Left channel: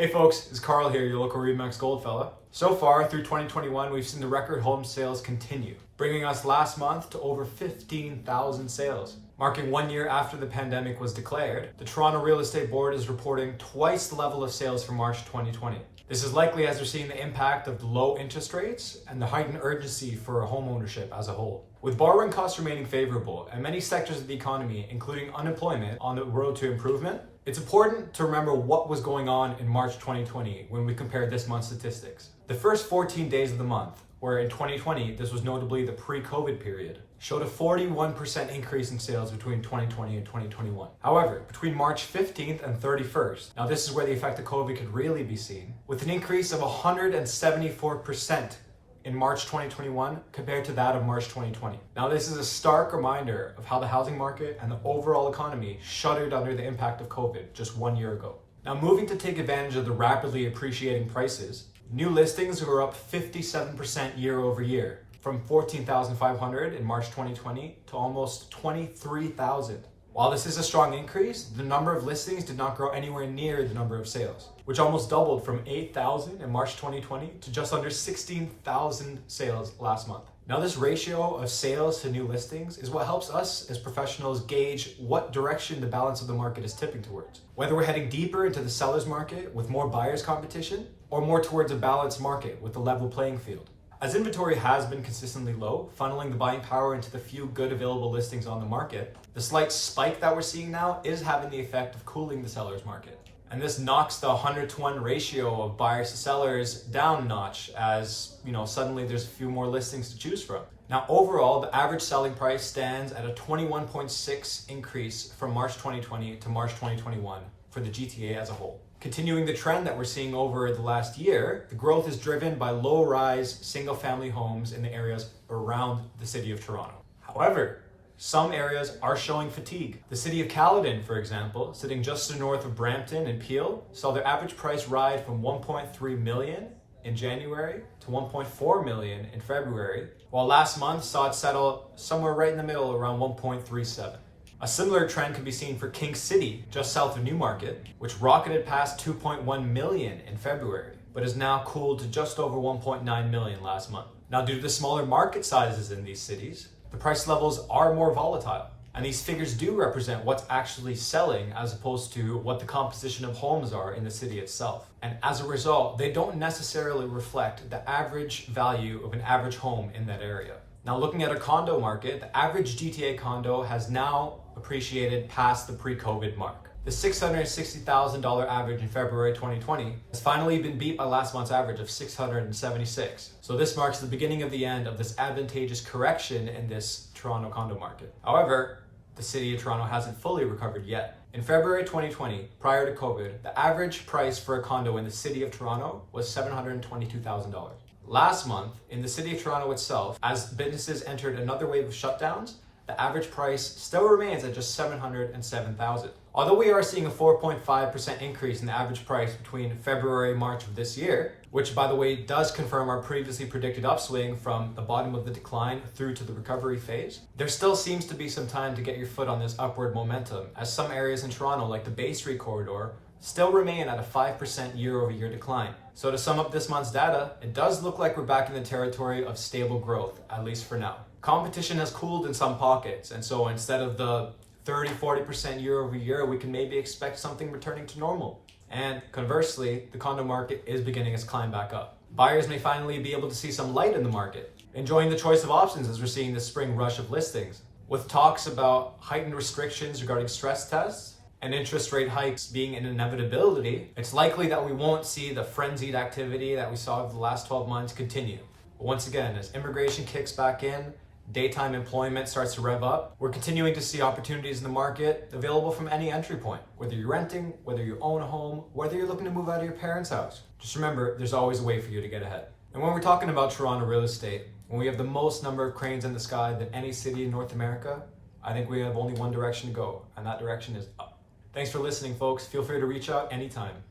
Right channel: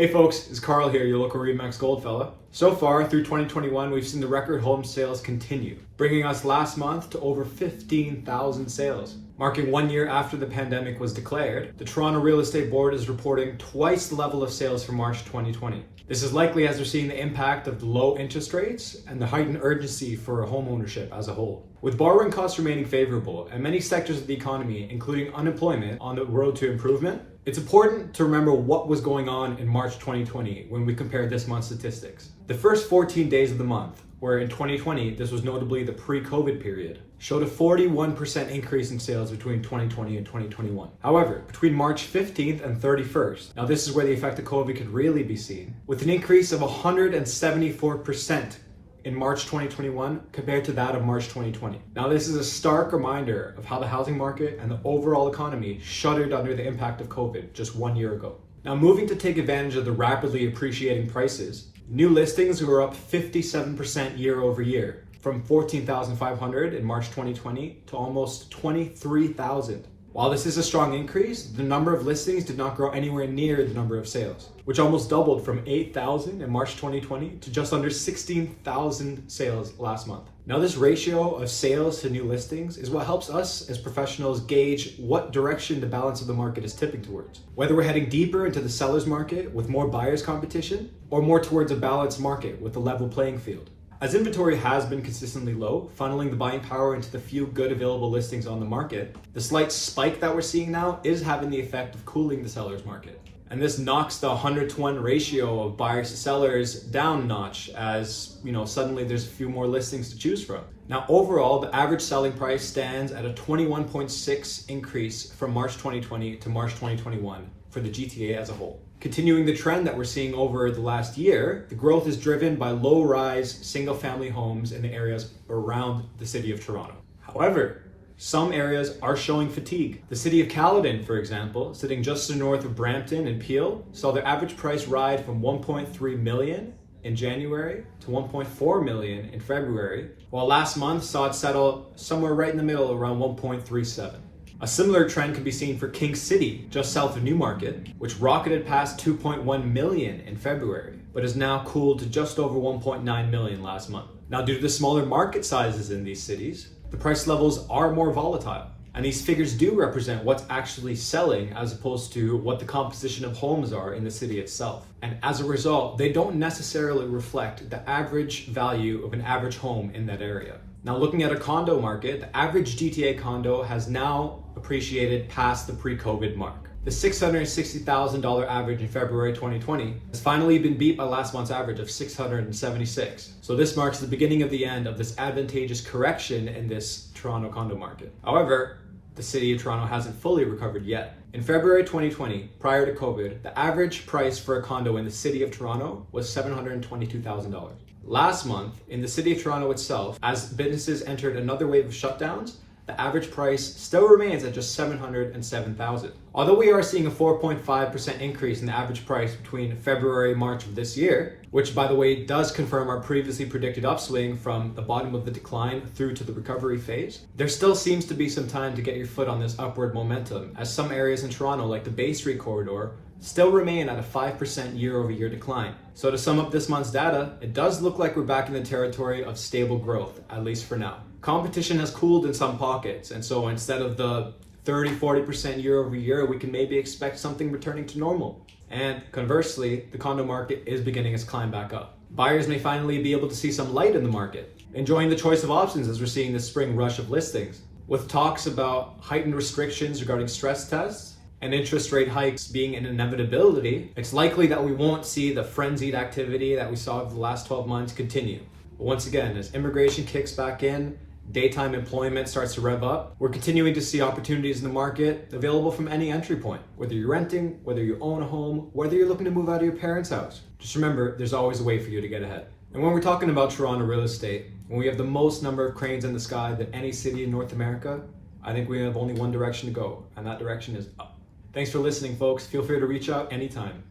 Hey folks, it's Carl here, your local Remax GoldFella. So far through 2021, we've seen the record home sales continue, bringing us last month to over 15,000 sales. Marking 1 year after the pandemic was declared, the Toronto Real Estate Board is reporting twice the level of sales for March 2020. This is likely as they're seeing the impact of the low interest rates and the heightened urgency for home ownership as a whole. With borrowing costs remaining favorable and many sectors of the economy, including unemployment, on the road to improvement, it's important to remember what was going on in March 2020 when we compared this month's statistics. The first 14 days of the month, where in 2020, this was notably the pre-COVID period, showed a 41% increase in sales between 2020 and 2021. However, between March 15th and 31st, now this is where the effect of COVID could really be seen, with an increase of 174% in March 2021 compared to that of March 2020. Now this is a stark reminder of how the housing market and the overall economy shuddered under the impact of COVID just 1 year ago. Now moving to take advantage of the rapidly appreciating prices, new listings were up 57% year over year, from 14,500 in March 2020 to almost 23,000. While this is a strong increase, the number of listings did not grow anywhere near the number of sales, which almost doubled from 8,000 in March 2020 to just under 16,000 sales last month. Now this ratio of sales to new listings is what helps us as professionals gauge what direction the balance of the market is tipping towards. Whether we're heading deeper into the seller's market with more buyers competition, or more towards a balanced market with a level playing field. As inventory has been consistently low, funneling the buying power into the few good available listings on the market, the slight spike that we're seeing now is having the effect of cooling the seller's market. And this knocks the 100-to-1 ratio of buyers to sellers down a notch as, suddenly there's a few more listings to choose from. Now, overall, the average selling price stands at a 21.6 increase from March 2020 to March 2021 for the GTA as a whole. Continuing the trend that we're seeing over the last year, the growth is driven by low-rise, single-family homes in the areas around the city of Toronto. However, some areas are showing fatigue. The city of Caledon, for example, sitting just to the north of Brampton and Peel, saw their average price rise from 1.3 million in January to 1.4 million in February, while last month saw it settle somewhere right in the middle around 1.37. A similar trend can be seen for King City, just south of Newmarket, which rocketed past 2.1 million in February, but is now cooled to just over 1.9 million last month. Now, due to the smaller market sizes in these cities, the price levels are more volatile, and these figures do represent what's actually selling as opposed to what the composition of homes are in the city itself. And as a result, they don't necessarily reflect the average value of an average home in that area. Now, looking at a condo market, the average GTA condo has now appreciated past the pre-COVID mark. The $660,000 average in February 2020 has finally been beat by last month's average of $676,000. So this marks the beginning of the end of this advantageous correction in this Toronto condo market. However, the city of Toronto hasn't fully recovered yet. In February 2020, prior to COVID, the average price for a condo in the city of Toronto was $722,000. Last month, in the city of Toronto itself, as businesses entered another wave of shutdowns, the average price still remains at just $707,000. Although we are seeing a 4.5% increase in the average price between February and March of this year, which by the way does confirm our previously predicted upswing from the bottom of the decline through to the recovery phase, there still seems to be some time to get your foot on this upward momentum, as some areas in Toronto, like the Bay Street corridor, still remain at a 5% year-over-year decline. So to sum up this month's data, it does look like we're back in the territory of stable growth, at least for now. Competition has cooled in some pockets, and so instead of the 30-40% year-over-year, we can maybe expect something returning to normal. And conversely, the condo market is beginning its climb back up. Buyers may finally be able to see some light in the market, enjoying the choice of options as we're seeing the spring rush of listings. With talks about heightened restrictions regarding stress tests, and interest rate hikes being an inevitability, it's likely that we won't see the frenzied activity that we saw over the last 12 months continue. But once again, as immigration kicks back in, daytime employment starts to rev up, we're continuing to see opportunities in the market available from any entry point. Whether you're renting, whether you own a home, whether you're looking to move out of your parents' house, just remember there's always a way for you to get ahead. And when we're talking about Toronto real estate, when we have the most number of cranes in the sky than any city in North America, I think we have only one direction to go, and that direction is up. Thanks for listening, folks. Feel free to reach out anytime.